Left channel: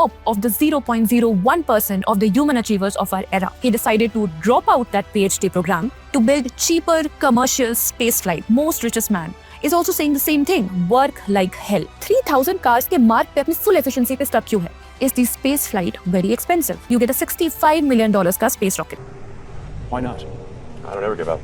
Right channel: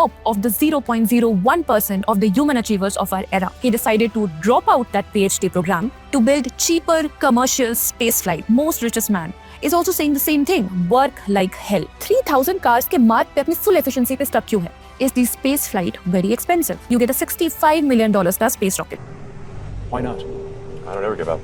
top of the 0.01% of the human achievers of our era. He decided to drop out that PhD program to build cheaper commercial spaceflight. Most richest man is also saying the same thing. Work like hell. 3000 cars के मार्क पे अपनी full efficiency पे stuck क्यों है? Is the space flight very expensive? You get a $65 million का space rocket. Why not? I don't ever give up.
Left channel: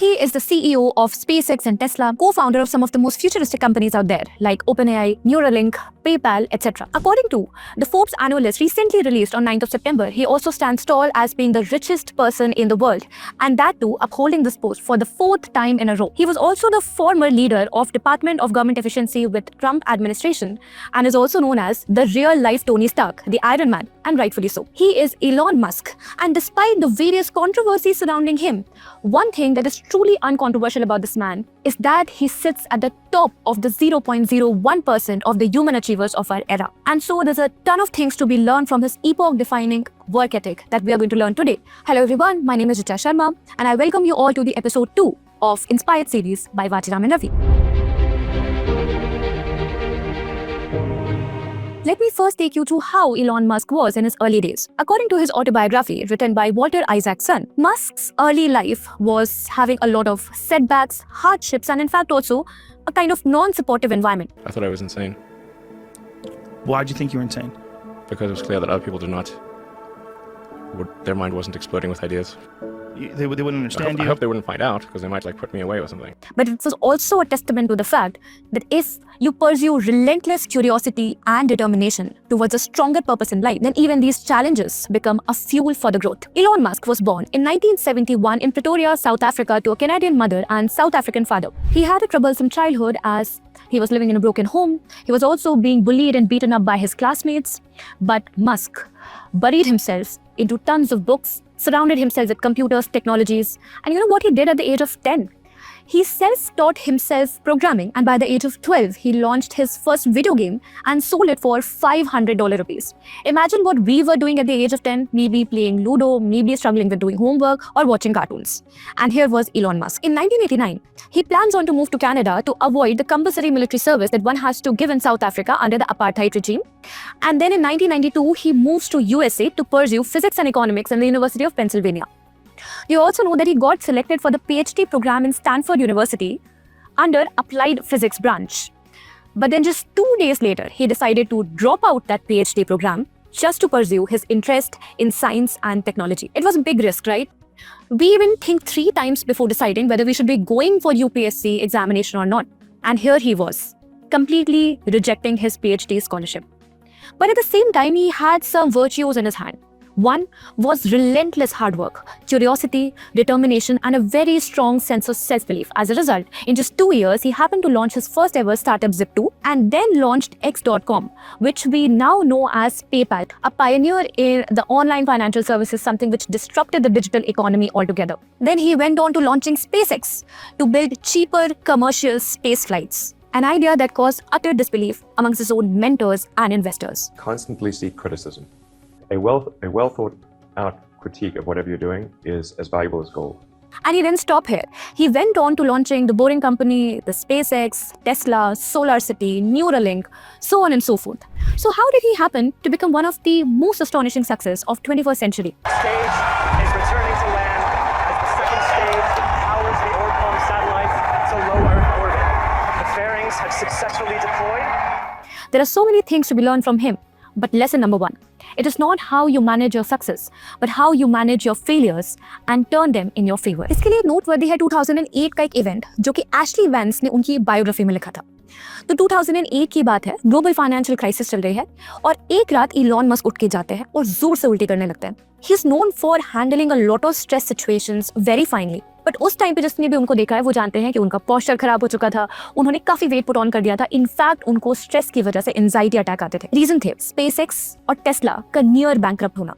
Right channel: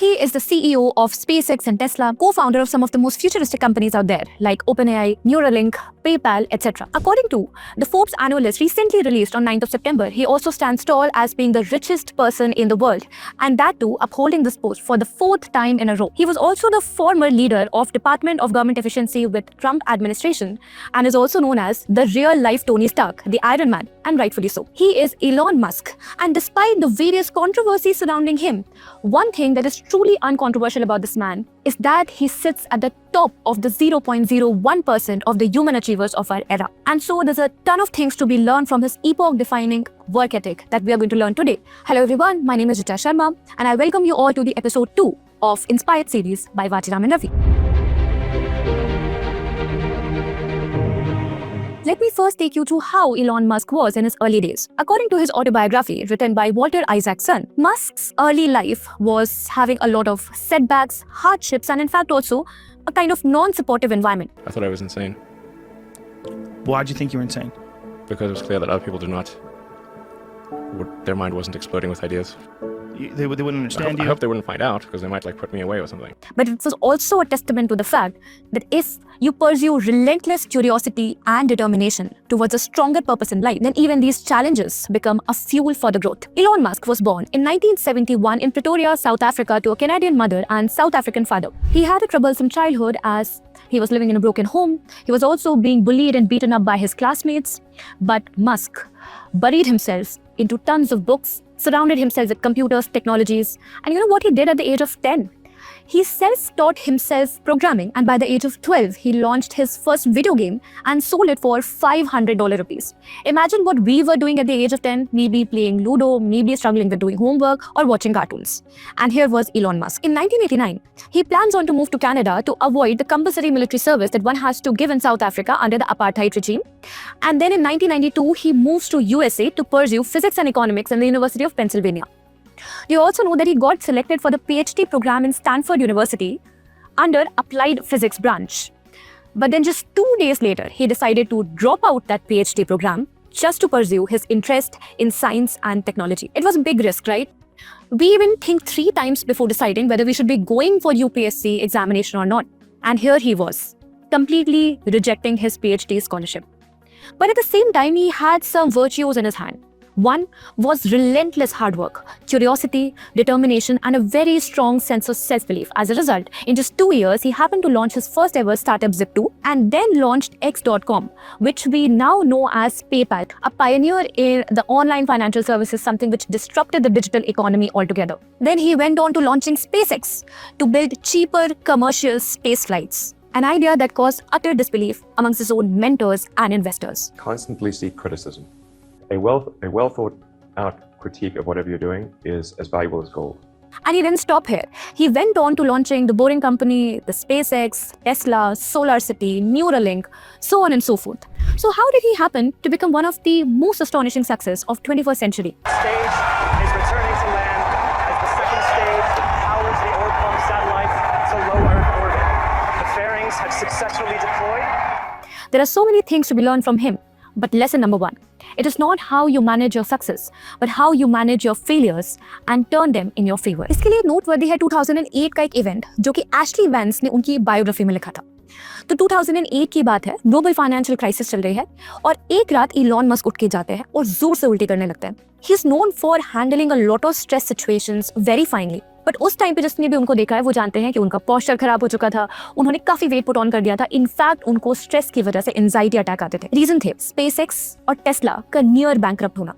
He is the CEO of SpaceX and Tesla, co-founder of some of the most futuristic companies out there, like OpenAI, Neuralink, PayPal, etc. According to the Forbes annual list recently released on 9th of September, he also stands tall as being the richest person in the world, and that too upholding this post for the 4th time in a row. He was also the former leader of Department of Government Efficiency with Trump administration, and is also known as the real-life Tony Stark, the Iron Man, and rightfully so. He is Elon Musk, and despite the various controversies surrounding him, one thing that is truly uncontroversial about this man is that he sits at the top of the 0.01% of the human achievers of our era. And so there's a ton of things to be learned from his epoch-defining work ethic that we are going to learn today. Hello everyone, my name is Richa Sharma and I welcome you all to the episode 2 of Inspired series by Vachiraman Ravi. Let me first take you through how Elon Musk was in his early days. According to his autobiography written by Walter Isaacson, Musk's early life was having a lot of setbacks, hardships, and in fact also a kind of non-supportive environment. I thought I was insane Why'd you think you were insane? because it was clear that other people did not. Their mind wasn't exploding with ideas. They wouldn't understand I you. hope they wouldn't find out because they might put me away or something. But it was also a testament to the fact that if you pursue relentless curiosity and determination towards a stronger purpose in life, then even these challenges become a fuel for the growth. Elon Musk was born in 1971 in Pretoria, South Africa to a Canadian mother and South African father. He had a troublesome childhood as he was living in a broken home. He was also being bullied and beaten up by his classmates. But Musk buried himself into tons of books, surrounded himself with computers, technologies, and you know what he did at the age of 10? He self-taught himself programming, and by the age of 12, he launched his first video game and sold it for $500 apiece. Imagine what we were doing at the age of 10, maybe playing Ludo, maybe struggling with doing homework or watching cartoons. And here was Elon Musk. In 1989, he plans on to move to Canada to avoid the compulsory military service that one has to give in South Africa under the apartheid regime. And then in 1992, he moves to USA to pursue physics and economics in the University of Pennsylvania. You also know that he got selected for the PhD program in Stanford University under Applied Physics branch. But then just 2 days later, he decided to drop out that PhD program just to pursue his interest in science and technology. It was a big risk, right? We even think 3 times before deciding whether we should be going for UPSC examination or not. And here he was, completely rejecting his PhD scholarship. But at the same time, he had some virtues in his hand. One was relentless hard work, curiosity, determination, and a very strong sense of self-belief. As a result, in just 2 years, he happened to launch his first ever startup Zip2 and then launched X.com, which we now know as PayPal, a pioneer in the online financial services, something which disrupted the digital economy altogether. Then he went on to launching SpaceX to build cheaper commercial space flights. An idea that caused utter disbelief amongst his own mentors and investors. Constantly seek criticism. A well thought out critique of whatever you're doing is as valuable as gold. And he didn't stop here. He went on to launching the Boring Company, the SpaceX, Tesla, SolarCity, Neuralink, so on and so forth. So how did he happen to become one of the most astonishing success of 21st century? Stage is returning to land. The second stage, power taken from satellites to low Earth orbit. Fairings are successfully deployed. There are so many things to be learned from him. But lesson number 1, it is not how you manage your success, but how you manage your failures and turn them in your favor. इसके लिए नोटवर्दी है 2008 का एक इवेंट जो कि Ashley vents ने उनकी बायोग्राफी में लिखा था। तो 2008 की बात है, ग्लोबल फाइनेंशियल क्राइसिस चल रही है और एक रात इलॉन मस्क उठ के जाते हैं और जोर से उल्टी करने लगते हैं। He is known for handling a lot of stress situations very finely. But उस टाइम पे जिसने भी उनको देखा है वो जानते हैं कि उनका पोस्चर खराब हो चुका था, उन्होंने काफी वेट पुट ऑन कर दिया था। इनफैक्ट उनको स्ट्रेस की वजह से एंजाइटी अटैक आते थे। रीजन थे स्पेसएक्स और टेस्ला का नियर बैंकरप्ट होना।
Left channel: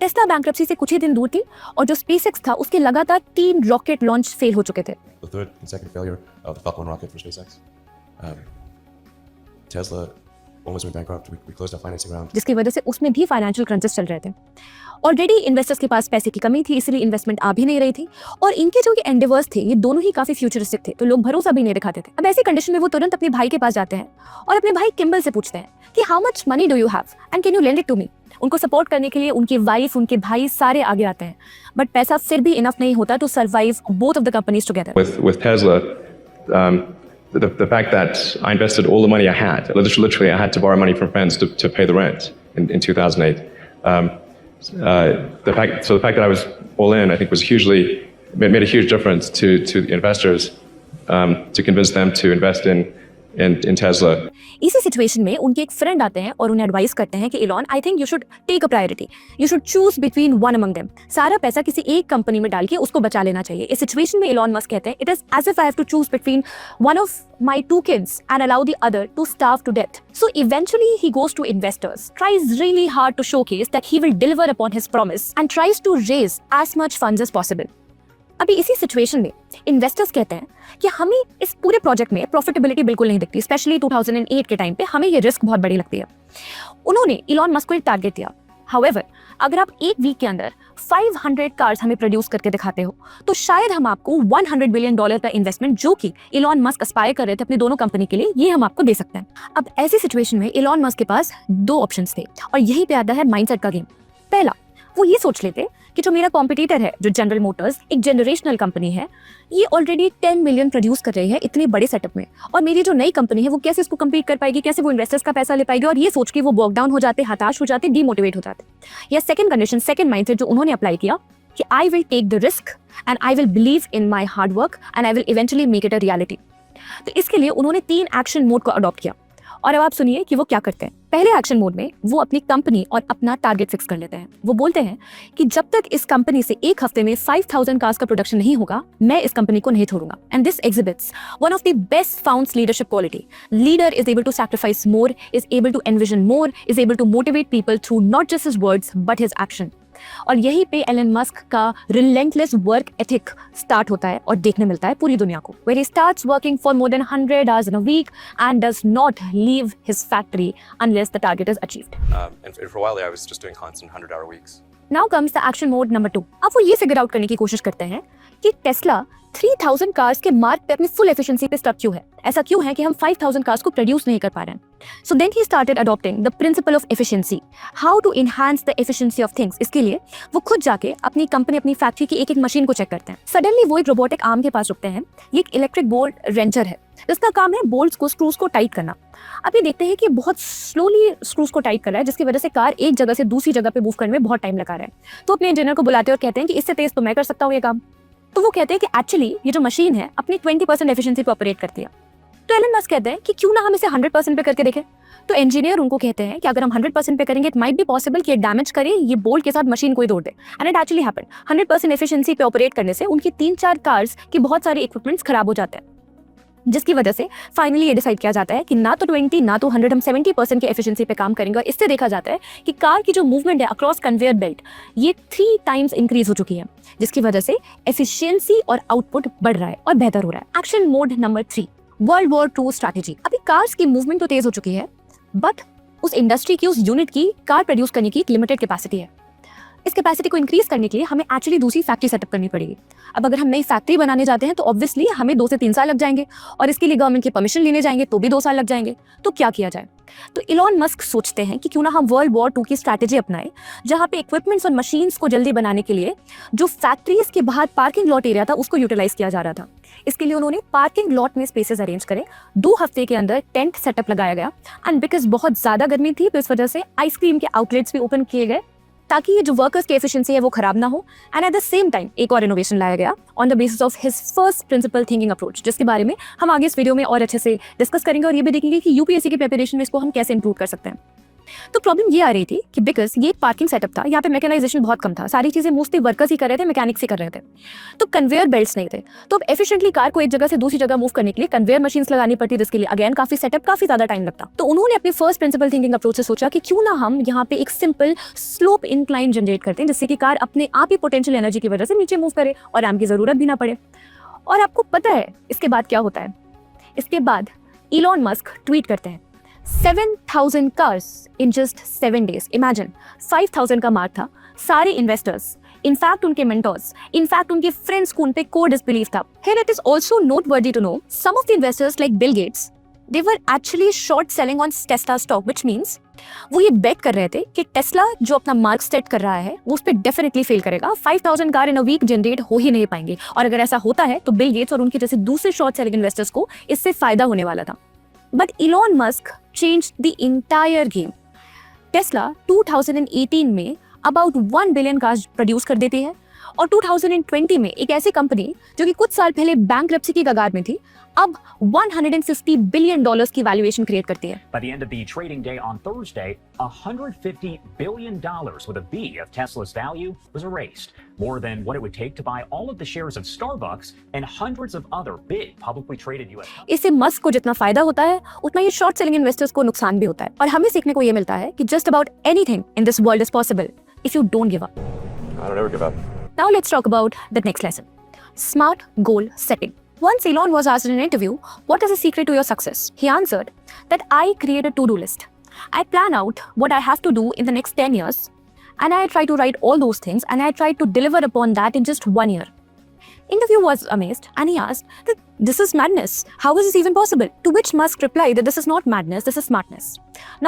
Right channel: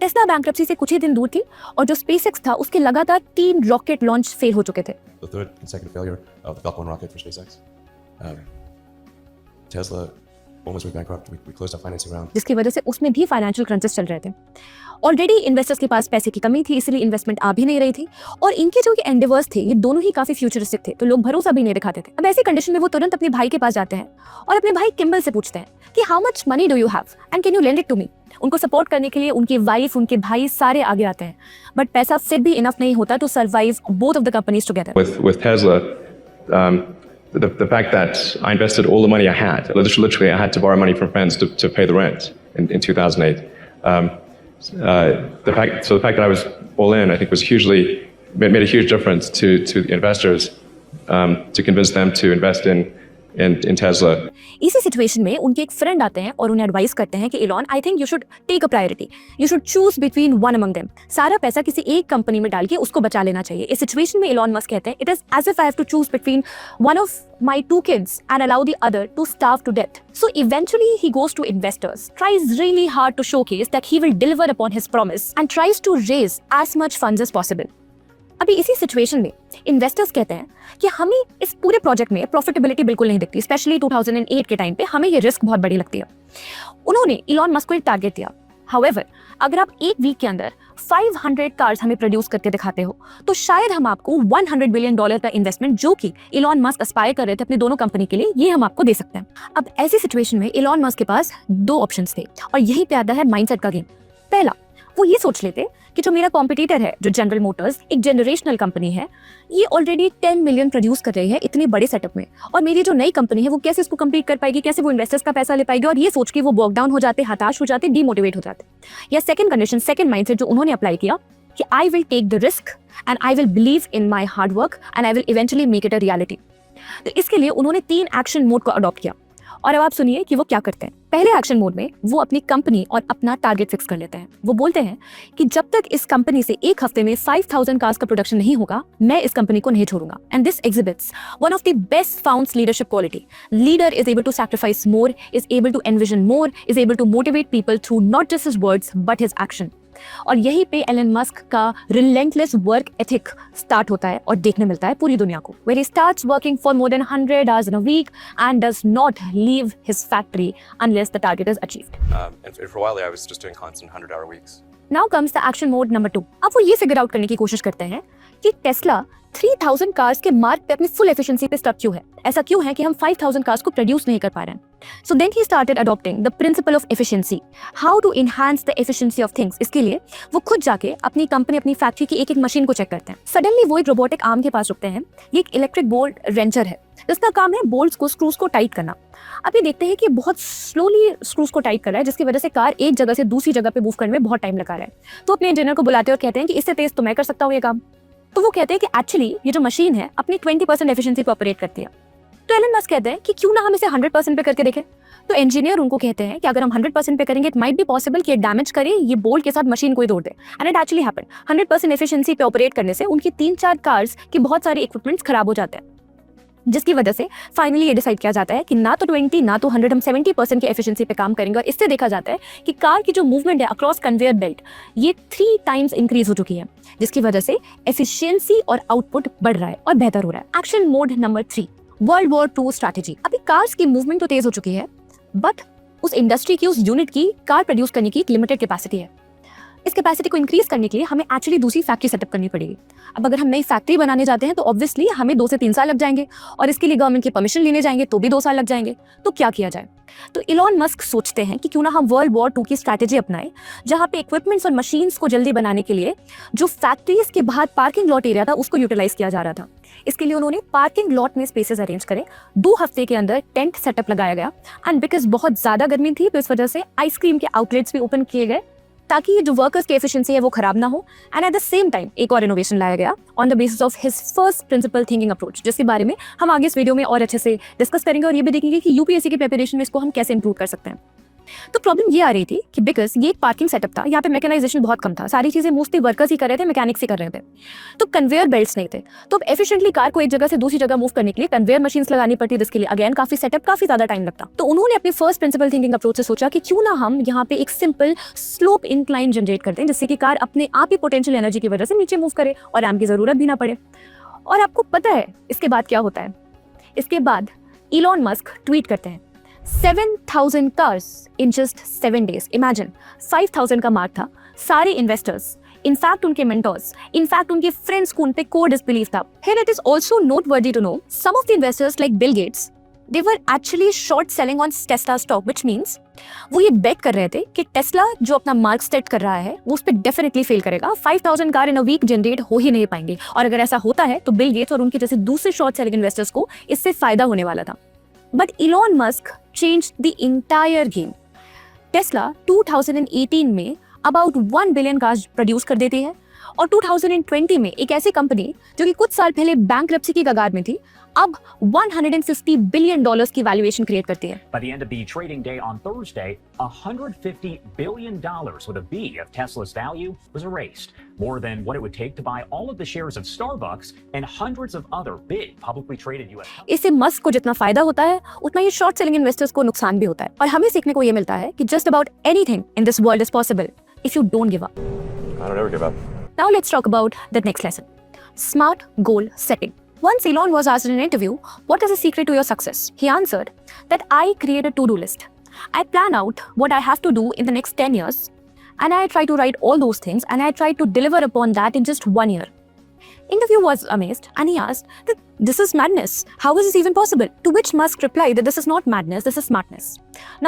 टेस्ला बैंकरप्सी से कुछ ही दिन दूर थी और जो स्पेसएक्स था उसके लगातार 3 रॉकेट लॉन्च फेल हो चुके थे। The third consecutive failure of Falcon rocket for SpaceX. Tesla almost went bankrupt. We closed our financing round. जिसकी वजह से उसमें भी फाइनेंशियल क्राइसिस चल रहे थे। ऑलरेडी इन्वेस्टर्स के पास पैसे की कमी थी, इसलिए इन्वेस्टमेंट आ भी नहीं रही थी और इनके जो ये एंडेवर्स थे ये दोनों ही काफी फ्यूचरिस्टिक थे, तो लोग भरोसा भी नहीं दिखाते थे। अब ऐसी कंडीशन में वो तुरंत अपने भाई के पास जाते हैं और अपने भाई किम्बल से पूछते हैं कि how much money do you have and can you lend it to me. उनको सपोर्ट करने के लिए उनके वाइफ, उनके भाई सारे आगे आते हैं, बट पैसा फिर भी इनफ नहीं होता to survive both of the companies together. With Tesla, the fact that I invested all the money I had, literally I had to borrow money from friends to pay the rent in 2008. The fact that I was all in, I think, made a huge difference to the investors, to convince them to invest in Tesla. इसी सिचुएशन में उनके एक फ्रेंड आते हैं और उन्हें एडवाइस करते हैं कि Elon, I think you should take a priority, you should choose between one among them. सारा पैसा किसी एक कंपनी में डाल के उसको बचा लेना चाहिए। इस सिचुएशन में इलॉन मस्क कहते हैं, it is as if I have to choose between one of my two kids and allow the other to starve to death. So eventually he goes to investors, tries really hard to showcase that he will deliver upon his promise and tries to raise as much funds as possible. अभी इसी सिचुएशन में इन्वेस्टर्स कहते हैं कि हमें इस पूरे प्रोजेक्ट में प्रॉफिटेबिलिटी बिल्कुल नहीं दिखती, स्पेशली 2008 के टाइम पे हमें ये रिस्क बहुत बड़ी लगती है। उन्होंने इलॉन मस्क को एक टारगेट दिया, हाउएवर अगर आप एक वीक के अंदर 500 कार्स हमें प्रोड्यूस करके दिखाते हो तो शायद हम आपको $100 बिलियन का इन्वेस्टमेंट, जो कि इलॉन मस्क एस्पायर कर रहे थे अपने दोनों कंपनी के लिए, ये हम आपको दे सकते हैं। अब ऐसी सिचुएशन में इलॉन मस्क के पास दो ऑप्शंस थे और यही पे आता है माइंडसेट का गेम। पहला, वो ये सोच लेते कि जो मेरा कॉम्पिटिटर है, जो जनरल मोटर्स एक जनरेशनल कंपनी है, ये ऑलरेडी 10 मिलियन प्रोड्यूस कर रही है इतने बड़े सेटअप में, और मेरी जो नई कंपनी है वो कैसे इसको कम्पीट कर पाएगी, कैसे वो इन्वेस्टर्स का पैसा ले पाएगी, और ये सोच के वो बॉक डाउन हो जाते, हताश हो जाते, डीमोटिवेट हो जाते। या सेकंड कंडीशन, सेकंड माइंडसेट जो उन्होंने अप्लाई किया कि I will take the risk and I will believe in my hard work and I will eventually make it a reality. तो इसके लिए उन्होंने 3 एक्शन मोड को अडॉप्ट किया, और अब आप सुनिए कि वो क्या करते हैं। पहले एक्शन मोड में वो अपनी कंपनी और अपना टारगेट फिक्स कर लेते हैं। वो बोलते हैं कि जब तक इस कंपनी से एक हफ्ते में 5000 कार्स का प्रोडक्शन नहीं होगा, मैं इस कंपनी को नहीं छोड़ूंगा। And this exhibits one of the best found leadership quality. Leader is able to sacrifice more, is able to envision more, is able to motivate people through not just his words but his action. और यहीं पे Elon Musk का relentless work ethic start होता है और देखने मिलता है पूरी दुनिया को, where he starts working for more than 100 hours in a week and does not leave his factory unless the target is achieved. And for a while there, I was just doing constant 100-hour weeks. Now comes the action mode number 2. अब वो ये figure out करने की कोशिश करते हैं कि टेस्ला 3000 कार्स के मार्क पे अपनी फुल एफिशिएंसी पे स्टक क्यों है। ऐसा क्यों है कि हम 5000 कार्स को प्रोड्यूस नहीं कर पा रहे हैं। So then he started adopting the principle of efficiency, how to enhance the efficiency of things. इसके लिए वो खुद जाके अपनी कंपनी, अपनी फैक्ट्री की एक एक मशीन को चेक करते हैं। सडनली वो एक रोबोटिक आर्म के पास रुकते हैं। ये एक इलेक्ट्रिक बोल्ट रेंचर है, इसका काम है बोल्ट्स को, स्क्रूज को टाइट करना। अब ये देखते हैं कि बहुत स्लोली स्क्रूज को टाइट कर रहा है, जिसकी वजह से कार एक जगह से दूसरी जगह पे मूव करने में बहुत टाइम लगा रहा है। तो अपने इंजीनियर को बुलाते हैं और कहते हैं कि इससे तेज तो मैं कर सकता हूँ ये काम। तो वो कहते हैं कि एक्चुअली ये जो मशीन है अपनी 20% एफिशिएंसी पे ऑपरेट करती है। तो एलन मस्क कहते हैं कि क्यों ना हम इसे 100% पे करके देखें। तो इंजीनियर उनको कहते हैं कि अगर हम 100% पे करेंगे, इट माइट बी पॉसिबल कि डैमेज करे, ये बोल्ट के साथ मशीन को ही तोड़ दे। And it actually happened. 100% efficiency पे ऑपरेट करने से उनकी 3-4 कार्स की बहुत सारी इक्विपमेंट्स खराब हो जाते हैं, जिसकी वजह से फाइनली ये डिसाइड किया जाता है कि ना तो 20 ना तो 100, हम 70% की एफिशिएंसी पे काम करेंगे। और इससे देखा जाता है कि कार की जो मूवमेंट है अक्रॉस कन्वेयर बेल्ट, ये 3 टाइम्स इंक्रीज हो चुकी है, जिसकी वजह से एफिशिएंसी और आउटपुट बढ़ रहा है और बेहतर हो रहा है। Action mode number 3, world war 2 स्ट्रैटेजी। अभी कार्स की मूवमेंट तो तेज हो चुकी है, बट उस इंडस्ट्री की, उस यूनिट की कार प्रोड्यूस करने की एक लिमिटेड कैपेसिटी है। इस कैपेसिटी को इंक्रीज करने के लिए हमें एक्चुअली दूसरी फैक्ट्री सेटअप करनी पड़ेगी। अब अगर हम नई फैक्ट्री बनाने जाते हैं तो ऑब्वियसली हमें 2 से 3 साल लग जाएंगे, और इसके लिए गवर्नमेंट की परमिशन लेने जाएंगे तो भी 2 साल लग जाएंगे। तो क्या किया जाए? तो इलॉन मस्क सोचते हैं कि क्यों ना हम वर्ल्ड वॉर 2 की स्ट्रैटेजी अपनाएं, जहां पे इक्विपमेंट्स और मशीन्स को जल्दी बनाने के लिए जो फैक्ट्रीज के बाहर पार्किंग लॉट एरिया था उसको यूटिलाइज किया जा रहा था। इसके लिए उन्होंने पार्किंग लॉट में स्पेसेस अरेंज करे, 2 हफ्ते के अंदर टेंट सेटअप लगाया गया, एंड बिकॉज बहुत ज्यादा गर्मी थी तो इस वजह से आइसक्रीम के आउटलेट्स भी ओपन किए गए ताकि ये जो वर्कर्स की एफिशिएंसी है वो खराब ना हो। And at the same time एक और इनोवेशन लाया गया on the basis of his first principle thinking approach, जिसके बारे में हम आगे इस वीडियो में और अच्छे से डिस्कस करेंगे और ये भी देखेंगे कि यूपीएससी की प्रिपरेशन में इसको हम कैसे इंप्रूव कर सकते हैं। तो प्रॉब्लम ये आ रही थी कि बिकॉज ये पार्किंग सेटअप था, यहाँ पे मैकेनाइजेशन बहुत कम था, सारी चीजें मोस्टली वर्कर्स ही कर रहे थे, मैकेनिक्स ही कर रहे थे, तो कन्वेयर बेल्ट्स नहीं थे। तो एफिशिएंटली कार को एक जगह से दूसरी जगह मूव करने के लिए कन्वेयर मशीन्स लगानी पड़ती, जिसके लिए अगेन काफी सेटअप, काफी ज्यादा टाइम लगता। तो उन्होंने अपने फर्स्ट प्रिंसिपल थिंकिंग अप्रोच से सोचा कि क्यों ना हम यहाँ पे एक सिंपल स्लोप इंक्लाइन जनरेट करते हैं, जिससे कि कार अपने आप ही पोटेंशियल एनर्जी की वजह से नीचे मूव करे और रैम की जरूरत भी ना पड़े। और आपको पता है इसके बाद क्या होता है? इसके बाद इलॉन मस्क ट्वीट करते हैं 7,000 cars in just 7 days. Imagine 5,000 का मार्क था। सारे इन्वेस्टर्स, इनफैक्ट उनके मेंटर्स, इनफैक्ट उनके फ्रेंड्स को उन पे कोर डिसबिलीफ था। Here it is also noteworthy to know some of the investors like Bill Gates They were actually short selling on Tesla stock, which means वो ये bet कर रहे थे कि टेस्ला जो अपना मार्क सेट कर रहा है वो उस पर डेफिनेटली फेल करेगा. 5000 car in a week generate हो ही नहीं पाएंगे, और अगर ऐसा होता है तो बिल गेट्स और उनके जैसे दूसरे शॉर्ट सेलिंग इन्वेस्टर्स को इससे फायदा होने वाला था. But Elon Musk changed the entire game. Tesla 2018 में अबाउट 1 बिलियन कार्स प्रोड्यूस कर देती है, और 2020 में एक ऐसे कंपनी जो कि कुछ साल पहले बैंकरप्सी की कगार में थी, अब $150 बिलियन की वैल्यूएशन क्रिएट करती है. By the end of the trading day on Thursday, $150 billion with a B of Tesla's value was erased, more than what it would take to buy all of the shares in Starbucks and hundreds of other big publicly traded U.S. companies. इससे मस्क को जितना फायदा होता है उतना ये short selling investors को नुकसान भी होता है. और हमें सीखने को ये मिलता है कि just about anything in this world is possible if you don't give up. I don't ever give up. Now let's talk about the next lesson. Smart goal setting. Once Elon was asked in an interview, what is the secret to your success? He answered that I create a to-do list. I plan out what I have to do in the next 10 years, and I try to write all those things, and I try to deliver upon that in just 1 year. Interviewer was amazed, and he asked that this is madness. How is this even possible? To which Musk replied that this is not madness, this is smartness.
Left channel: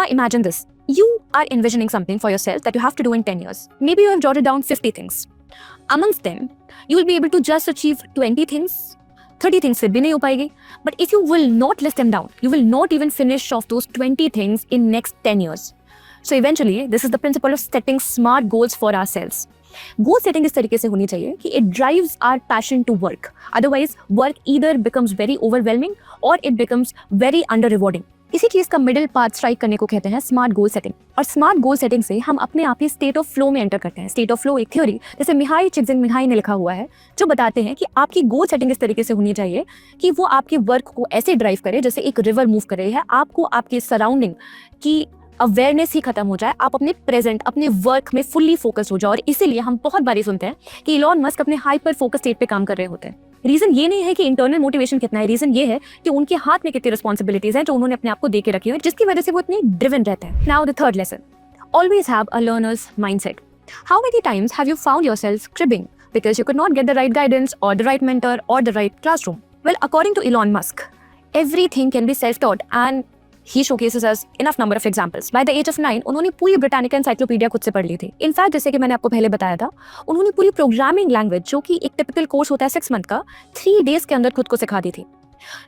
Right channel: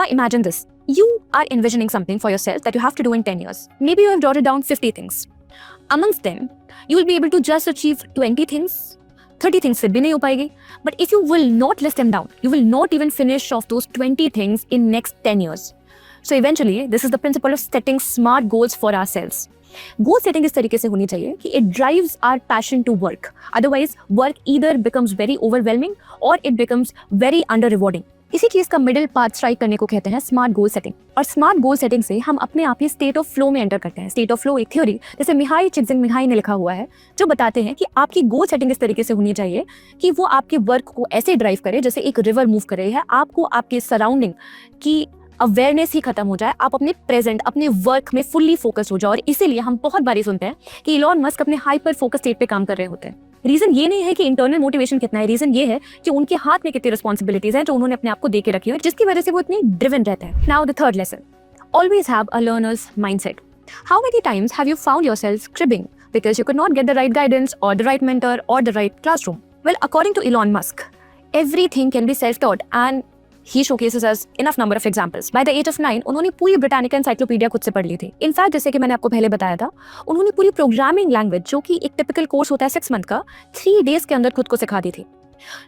Now imagine this. You are envisioning something for yourself that you have to do in 10 years. Maybe you have jotted down 50 things. Amongst them, you will be able to just achieve 20 things. 30 things से भी नहीं हो पाएगी. But if you will not list them down, you will not even finish off those 20 things in next 10 years. So eventually, this is the principle of setting smart goals for ourselves. Goal setting इस तरीके से होनी चाहिए कि it drives our passion to work. Otherwise, work either becomes very overwhelming or it becomes very under rewarding. इसी चीज का middle path strike करने को कहते हैं स्मार्ट गोल सेटिंग. और स्मार्ट गोल सेटिंग से हम अपने आप ही स्टेट ऑफ फ्लो में एंटर करते हैं. स्टेट ऑफ फ्लो एक थ्योरी जैसे मिहाई चिक्सिन-मिहाई ने लिखा हुआ है, जो बताते हैं कि आपकी गोल सेटिंग इस तरीके से होनी चाहिए कि वो आपकी वर्क को ऐसे ड्राइव करे जैसे एक रिवर मूव करे, या आपको आपके सराउंडिंग की अवेयरनेस ही खत्म हो जाए, आप अपने प्रेजेंट अपने वर्क में फुल्ली फोकस हो जाओ. और इसीलिए हम बहुत बारी सुनते हैं कि इलॉन मस्क अपने हाइपर फोकस स्टेट पे काम कर रहे होते हैं. रीजन ये नहीं है कि इंटरनल मोटिवेशन कितना है, रीजन ये है कि उनके हाथ में कितनी रिस्पॉन्सिबिलिटीज हैं जो उन्होंने अपने आप को दे के रखी है, जिसकी वजह से वो इतने ड्रिवन रहते हैं. Now the third lesson, always have a learners mindset. How many times have you found yourself cribbing because you could not get the right guidance or the right mentor or the right classroom? Well, according to Elon Musk, everything can be self-taught, and he showcases us enough number of examples. By the age of 9, उन्होंने पूरी Britannica encyclopedia खुद से पढ़ ली थी. इनफैक्ट जैसे कि मैंने आपको पहले बताया था, उन्होंने पूरी प्रोग्रामिंग लैंग्वेज जो कि एक टिपिकल कोर्स होता है 6 मंथ का, 3 डेज के अंदर खुद को सिखा दी थी.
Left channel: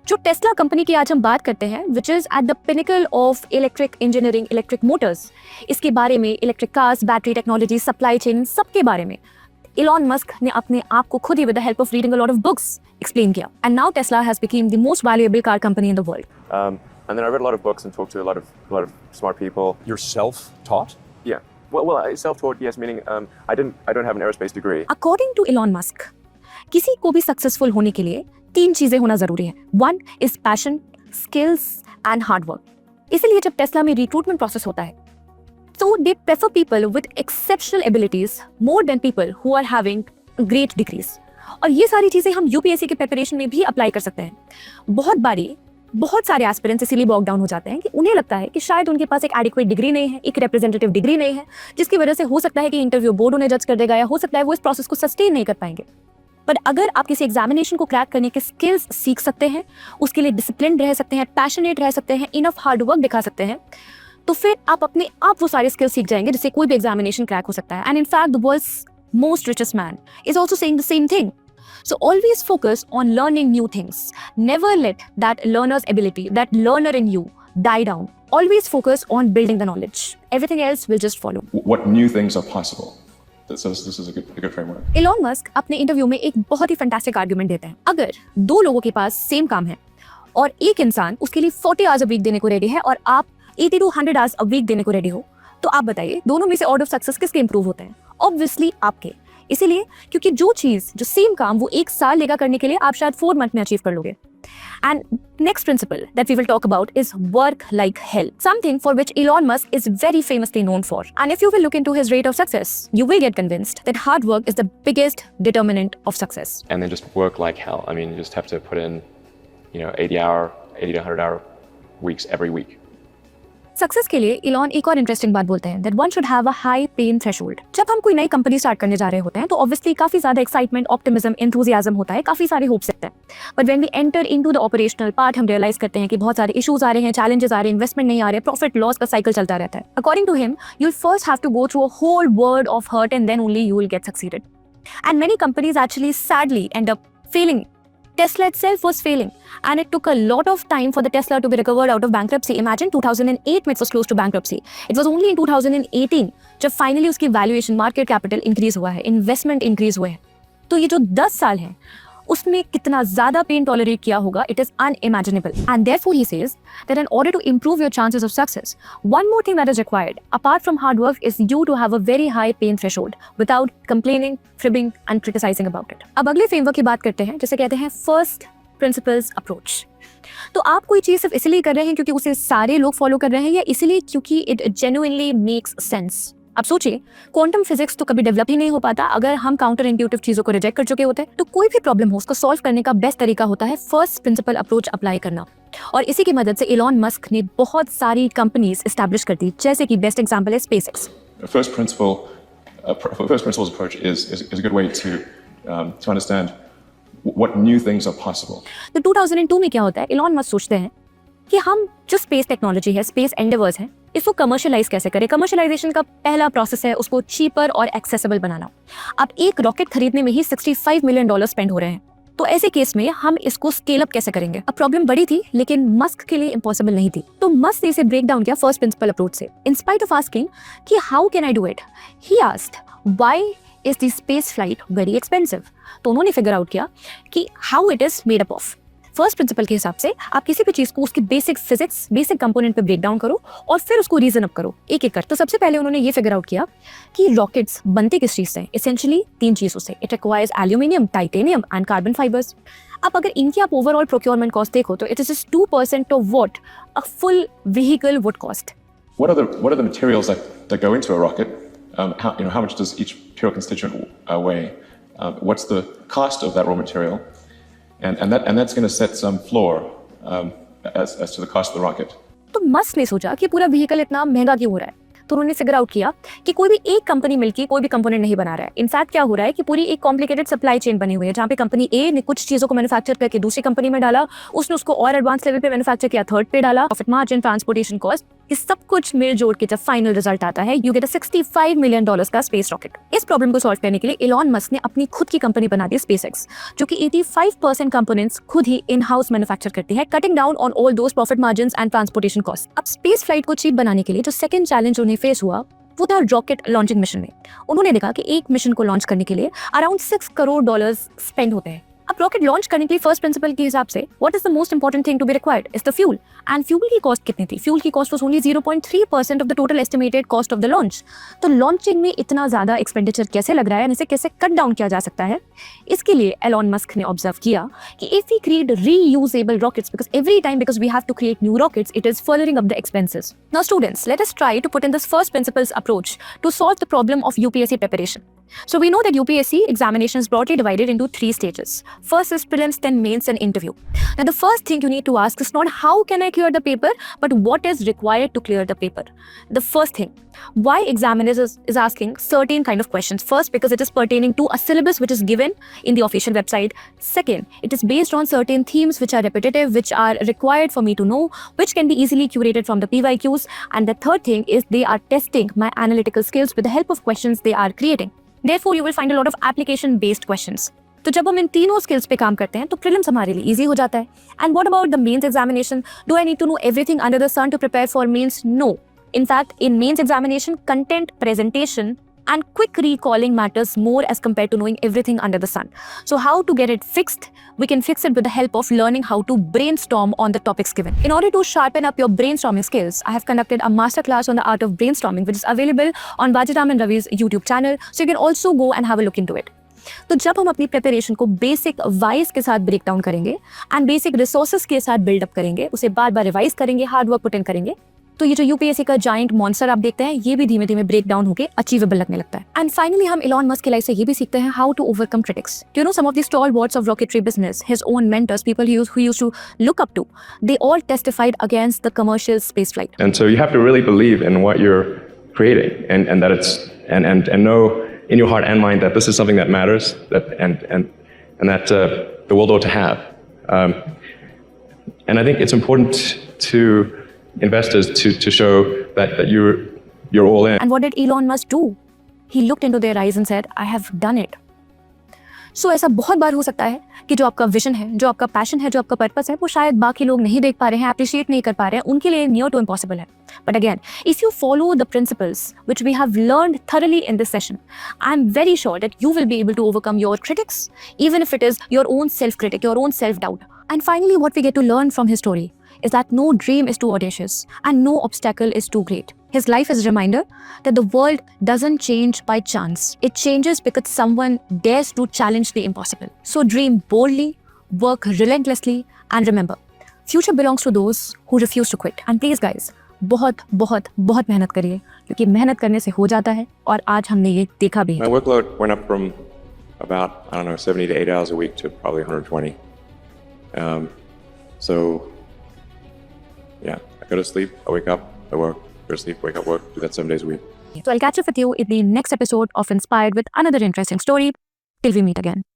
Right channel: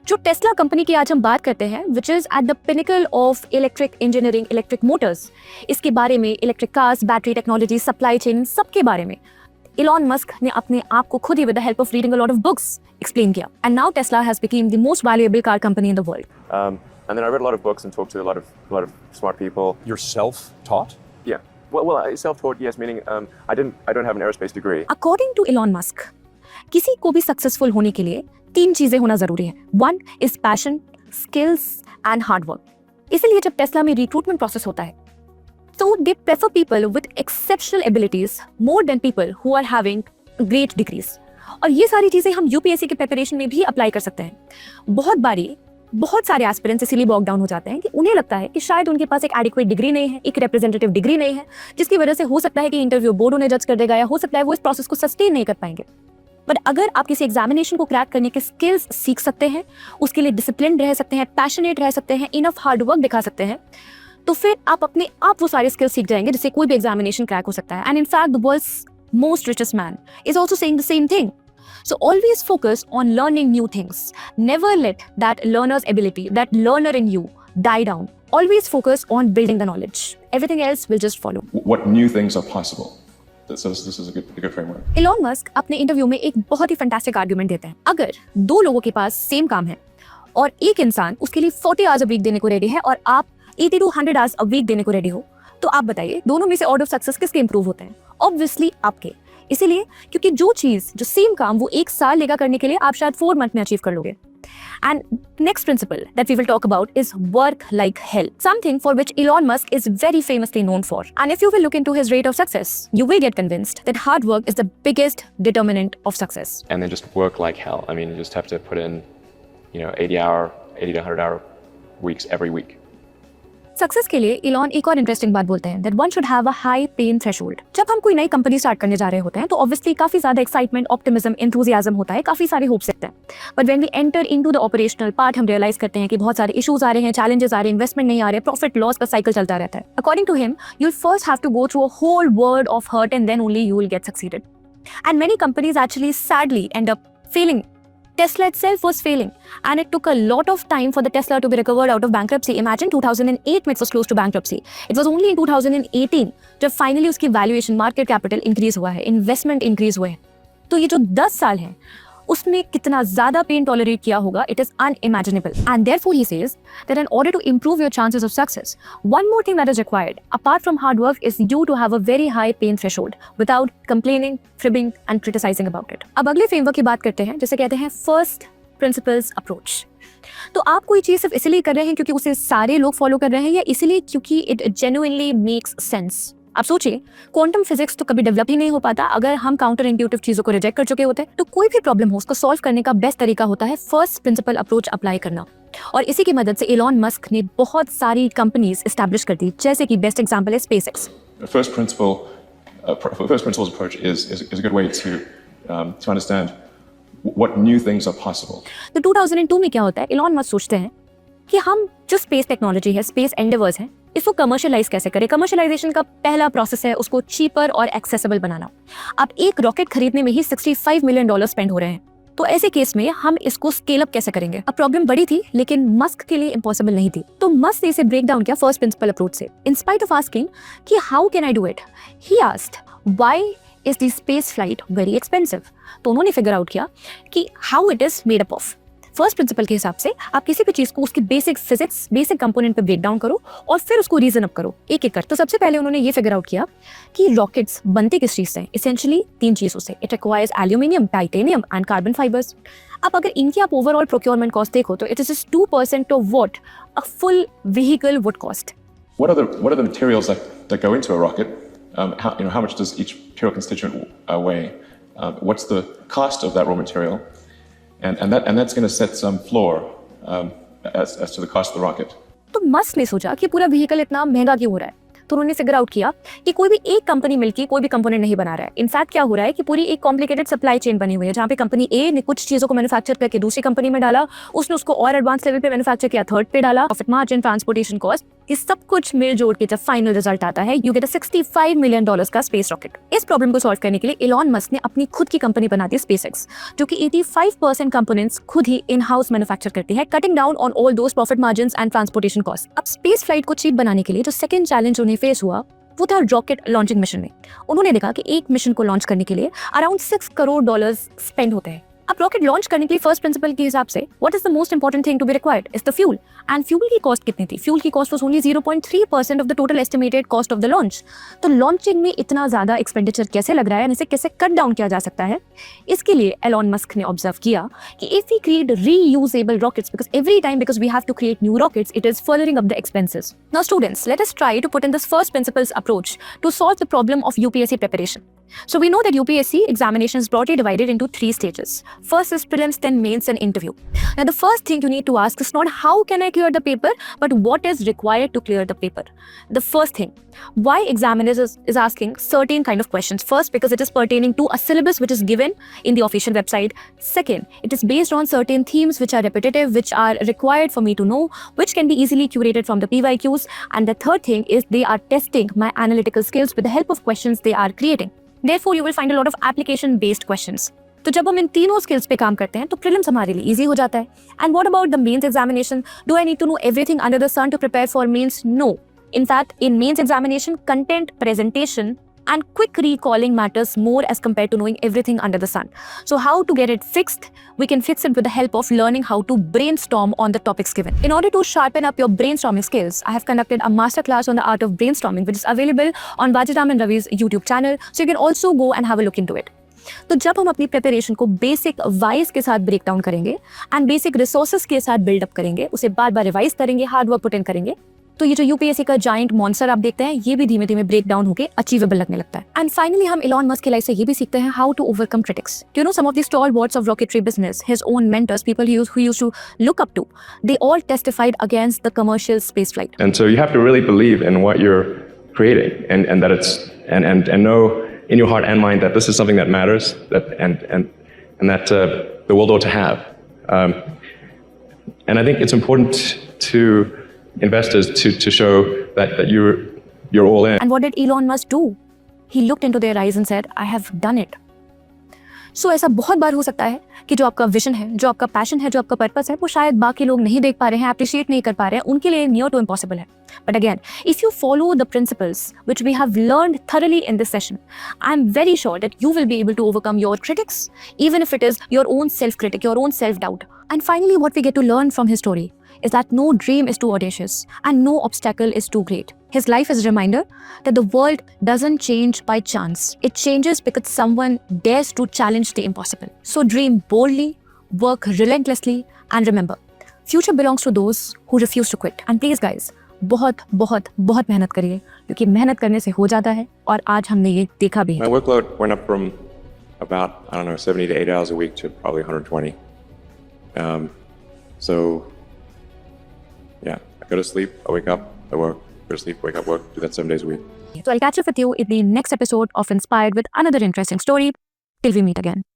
जो टेस्ला कंपनी की आज हम बात करते हैं, which is at the pinnacle of electric engineering, electric Motors, इसके बारे में, electric cars, battery technology, supply chain, सबके बारे में इलॉन मस्क ने अपने आप को खुद ही with the help of reading a lot of books explain किया. And now Tesla has become the most valuable car company in the world. And then I read a lot of books and talked to a lot of smart people. You're self-taught? Yeah. Well, self-taught, yes, meaning I don't have an aerospace degree. According to Elon Musk, किसी को भी सक्सेसफुल होने के लिए 3 चीजें होना जरूरी है. 1 is passion, skills and hard work. इसीलिए जब टेस्ला में रिक्रूटमेंट प्रोसेस होता है, so they prefer people with exceptional abilities more than people who are having great degrees. और ये सारी चीजें हम यूपीएससी के प्रिपरेशन में भी अप्लाई कर सकते हैं. बहुत सारे एस्पिरेंट्स इसीलिए बॉग डाउन हो जाते हैं कि उन्हें लगता है कि शायद उनके पास एक एडिक्वेट डिग्री नहीं है, एक रिप्रेजेंटेटिव डिग्री नहीं है, जिसकी वजह से हो सकता है कि इंटरव्यू बोर्ड उन्हें जज कर देगा, या हो सकता है वो इस प्रोसेस को सस्टेन नहीं कर पाएंगे. पर अगर आप किसी एग्जामिनेशन को क्रैक करने की स्किल्स सीख सकते हैं, उसके लिए डिसिप्लिन रह सकते हैं, पैशनेट रह सकते हैं, इनफ हार्ड वर्क दिखा सकते हैं, तो फिर आप अपने आप वो सारी स्किल्स सीख जाएंगे जिससे कोई भी एग्जामिनेशन क्रैक हो सकता है. And in fact the world's most richest man is also saying the same thing. So always focus on learning new things. Never let that learner's ability, that learner in you, die down. Always focus on building the knowledge. Everything else will just follow. What new things are possible? This is a good framework. Elon Musk अपने इंटरव्यू में एक बहुत ही fantastic argument देते हैं. अगर 2 लोगों के पास सेम काम है और एक इंसान उसके लिए 40 आवर्स अ वीक देने को रेडी है और आप 80 to 100 आवर्स अ वीक देने को रेडी हो, तो आप बताइए दोनों में से ऑर्डर ऑफ सक्सेस किसके इंप्रूव होते हैं? ऑब्वियसली आपके. इसीलिए क्योंकि जो सेम काम वो 1 साल लेगा करने के लिए, आप शायद 4 मंथ में अचीव कर लोगे. And next principle that we will talk about is work like hell, something for which Elon Musk is very famously known for. And if you will look into his rate of success, you will get convinced that hard work is the biggest determinant of success. And then just work like hell. I mean, you just have to put in, 80 to 100 hour weeks every week. Success के लिए Elon एक और interesting बात बोलते हैं that one should have a high pain threshold. जब हम कोई नई कंपनी स्टार्ट करने जा रहे होते हैं तो ऑब्वियसली काफी ज्यादा एक्साइटमेंट, ऑप्टिमिज्म, एंथुसियाज्म होता है, काफी सारे होप्स रखते हैं। But when we enter into the operational part हम रियलाइज करते हैं कि बहुत सारे इश्यूज आ रहे हैं, चैलेंजेस आ रहे हैं, इन्वेस्टमेंट नहीं आ रहे, प्रॉफिट लॉस का साइकिल चलता रहता है। According to him you will first have to go through a whole world of hurt and then only you will get succeeded. And many companies actually sadly end up failing. Tesla itself was failing, and it took a lot of time for the Tesla to be recovered out of bankruptcy. Imagine 2008 when it was close to bankruptcy. It was only in 2018 जब finally उसकी valuation, market capital increase हुआ है, investment increase हुए हैं. तो ये जो 10 साल हैं, उसमें कितना ज़्यादा pain tolerate किया होगा, it is unimaginable. And therefore he says that in order to improve your chances of success, one more thing that is required, apart from hard work, is you to have a very high pain threshold without complaining, fibbing and criticizing about it. अब अगले framework की बात करते हैं, जिसे कहते हैं first principles approach. तो आप कोई चीज सिर्फ इसलिए कर रहे हैं क्योंकि उसे सारे लोग फॉलो कर रहे हैं या इसलिए क्योंकि इट जेन्युइनली मेक्स सेंस? आप सोचिए, क्वांटम फिजिक्स तो कभी डेवलप ही नहीं हो पाता अगर हम काउंटर इंट्यूटिव चीजों को रिजेक्ट कर चुके होते। तो कोई भी प्रॉब्लम हो उसको सॉल्व करने का बेस्ट तरीका होता है फर्स्ट प्रिंसिपल अप्रोच अप्लाई करना। और इसी की मदद से इलॉन मस्क ने बहुत सारी कंपनीज एस्टैब्लिश कर दी, जैसे कि बेस्ट एग्जांपल है SpaceX. First principles approach is a good way to understand what new things are possible. तो 2002 में क्या होता है, इलॉन मस्क सोचते हैं कि हम जो स्पेस टेक्नोलॉजी है, स्पेस एंडेवर्स है, इसको कमर्शियलाइज कैसे करें। कमर्शियलाइजेशन का पहला प्रोसेस है उसको चीपर और एक्सेसिबल बनाना। अब एक रॉकेट खरीदने में ही $65 मिलियन स्पेंड हो रहे हैं, तो ऐसे केस में हम इसको स्केल अप कैसे करेंगे। अब प्रॉब्लम बड़ी थी लेकिन मस्क के लिए इम्पॉसिबल नहीं थी, तो मस्क ने इसे ब्रेक डाउन किया फर्स्ट प्रिंसिपल अप्रोच से। इन स्पाइट ऑफ आस्किंग कि how can I do it, he asked why is the space flight very expensive. तो उन्होंने फिगर आउट किया कि how it is made up of. First principle के हिसाब से आप किसी भी चीज को उसकी बेसिक फिजिक्स, बेसिक कंपोनेंट पे ब्रेक डाउन करो और फिर उसको रीजन अप करो एक एक कर। तो सबसे पहले उन्होंने ये फिगर आउट किया कि रॉकेट्स बनते किस चीज से। एसेंशियली 3 चीजों से। It requires aluminium, titanium and carbon fibres. अब अगर इनकी आप ओवरऑल प्रोक्योरमेंट कॉस्ट देखो तो it is just 2% of what a full vehicle would cost. What are the materials that go into a rocket? How much does each pure constituent weigh? What's the cost of that raw material? And that's going to set some floor as to the cost of the rocket. तो मस्क ने सोचा कि पूरा व्हीकल इतना महंगा क्यों हो रहा है, तो उन्होंने फिगर आउट किया कि कोई भी एक कंपनी मिलकर कोई भी कंपोनेंट नहीं बना रहा है। इनफैक्ट क्या हो रहा है कि पूरी एक कॉम्प्लिकेटेड सप्लाई चेन बनी हुई है जहाँ पे कंपनी ए ने कुछ चीजों को मैन्युफैक्चर करके दूसरी कंपनी में डाला, उसने उसको और एडवांस लेवल पे मैन्युफैक्चर किया, थर्ड पे डाला, प्रॉफिट मार्जिन, ट्रांसपोर्टेशन कॉस्ट, इस सब कुछ में जोड़ के जब फाइनल रिजल्ट आता है यू गेट $65 मिलियन का स्पेस रॉकेट। इस प्रॉब्लम को सॉल्व करने के लिए इलॉन मस्क ने अपनी खुद की कंपनी बना दी स्पेसएक्स, जो कि 85% कंपोनेंट्स खुद ही इन हाउस मैन्युफैक्चर करती है, cutting down on all those profit margins and transportation cost. अब स्पेस फ्लाइट को चीप बनाने के लिए जो सेकंड चैलेंज उन्हें फेस हुआ वो था रॉकेट लॉन्चिंग मिशन में। उन्होंने देखा कि एक मिशन को लॉन्च करने के लिए अराउंड $6 करोड़ स्पेंड होते हैं। अब रॉकेट लॉन्च करने के लिए फर्स्ट प्रिंसिपल के हिसाब से what is the most important thing to be required is the fuel. And fuel की कॉस्ट कितनी थी? फ्यूल की cost was only 0.3% of the total estimated cost of the launch. तो लॉन्चिंग में इतना ज्यादा एक्सपेंडिचर कैसे लग रहा है, इसे कैसे कट डाउन किया जा सकता है, इसके लिए एलॉन मस्क ने ऑब्जर्व किया कि if we create reusable rockets, because we have to create new rockets, it is furthering up the expenses. Now students, let us try to put in this first principles approach to solve the problem of UPSC preparation. So we know that UPSC examination is broadly divided into 3 stages. First is prelims, then mains and interview. Now the first thing you need to ask is not how can I clear the paper, but what is required to clear the paper. The first thing, why examiners is asking certain kind of questions. First, because it is pertaining to a syllabus which is given in the official website. Second, it is based on certain themes which are repetitive, which are required for me to know, which can be easily curated from the PYQs. And the third thing is they are testing my analytical skills with the help of questions they are creating. Therefore, you will find a lot of application-based questions. तो जब हम इन तीनों स्किल्स पे काम करते हैं तो प्रीलिम्स हमारे लिए इजी हो जाता है। And what about the mains examination? Do I need to know everything under the sun to prepare for mains? No. In fact, in mains examination, content, presentation, and quick recalling matters more as compared to knowing everything under the sun. So how to get it fixed? We can fix it with the help of learning how to brainstorm on the topics given. In order to sharpen up your brainstorming skills, I have conducted a masterclass on the art of brainstorming, which is available on Vajiram and Ravi's YouTube channel. So you can also go and have a look into it. तो जब हम अपनी प्रिपरेशन को basic wise के साथ break down करेंगे and basic resources के साथ बिल्डअप करेंगे, उसे बार बार रिवाइज करेंगे, हार्ड वर्क पुट इन करेंगे, तो ये जो यूपीएससी का जाइंट मॉन्स्टर आप देखते हैं, ये भी धीमे धीमे ब्रेक डाउन होकर अचीवेबल लगने लगता है। एंड फाइनली हम इलॉन मस्क के लाइफ से ये भी सीखते हैं how to overcome critics. You know, some of the stalwarts of rocketry business, his own mentors, people he used to look up to, they all testified against the commercial space flight. And so you have to really believe in what you're creating, and that it's and know in your heart and mind that this is something that matters, and that the world ought to have. And I think it's important to investors to show that you're all in. And what did Elon Musk do? He looked into their eyes and said, I have done it. So ऐसा बहुत बार हो सकता है कि जो आपका विजन है, जो आपका पैशन है, जो आपका पर्पस है, वो शायद बाकी लोग नहीं देख पा रहे हैं, अप्रिशिएट नहीं कर पा रहे हैं, उनके लिए नियर टू इम्पॉसिबल है। But again, if you follow the principles which we have learned thoroughly in this session, I'm very sure that you will be able to overcome your critics, even if it is your own self-critic, your own self-doubt. And finally, what we get to learn from his story is that no dream is too audacious and no obstacle is too great. His life is a reminder that the world doesn't change by chance. It changes because someone dares to challenge the impossible. So dream boldly, work relentlessly, and remember, future belongs to those who refuse to quit. And please guys, बहुत बहुत बहुत मेहनत करिए, क्योंकि मेहनत करने से हो जाता है, और आज हमने ये देखा भी है। My workload went up from about, 70 to 8 hours a week to probably 120. So, yeah, I go to sleep, I wake up, I work, go to sleep, wake up, work, do that 7 days a week. So I'll catch up with you in the next episode of Inspired with another interesting story. Till we meet again.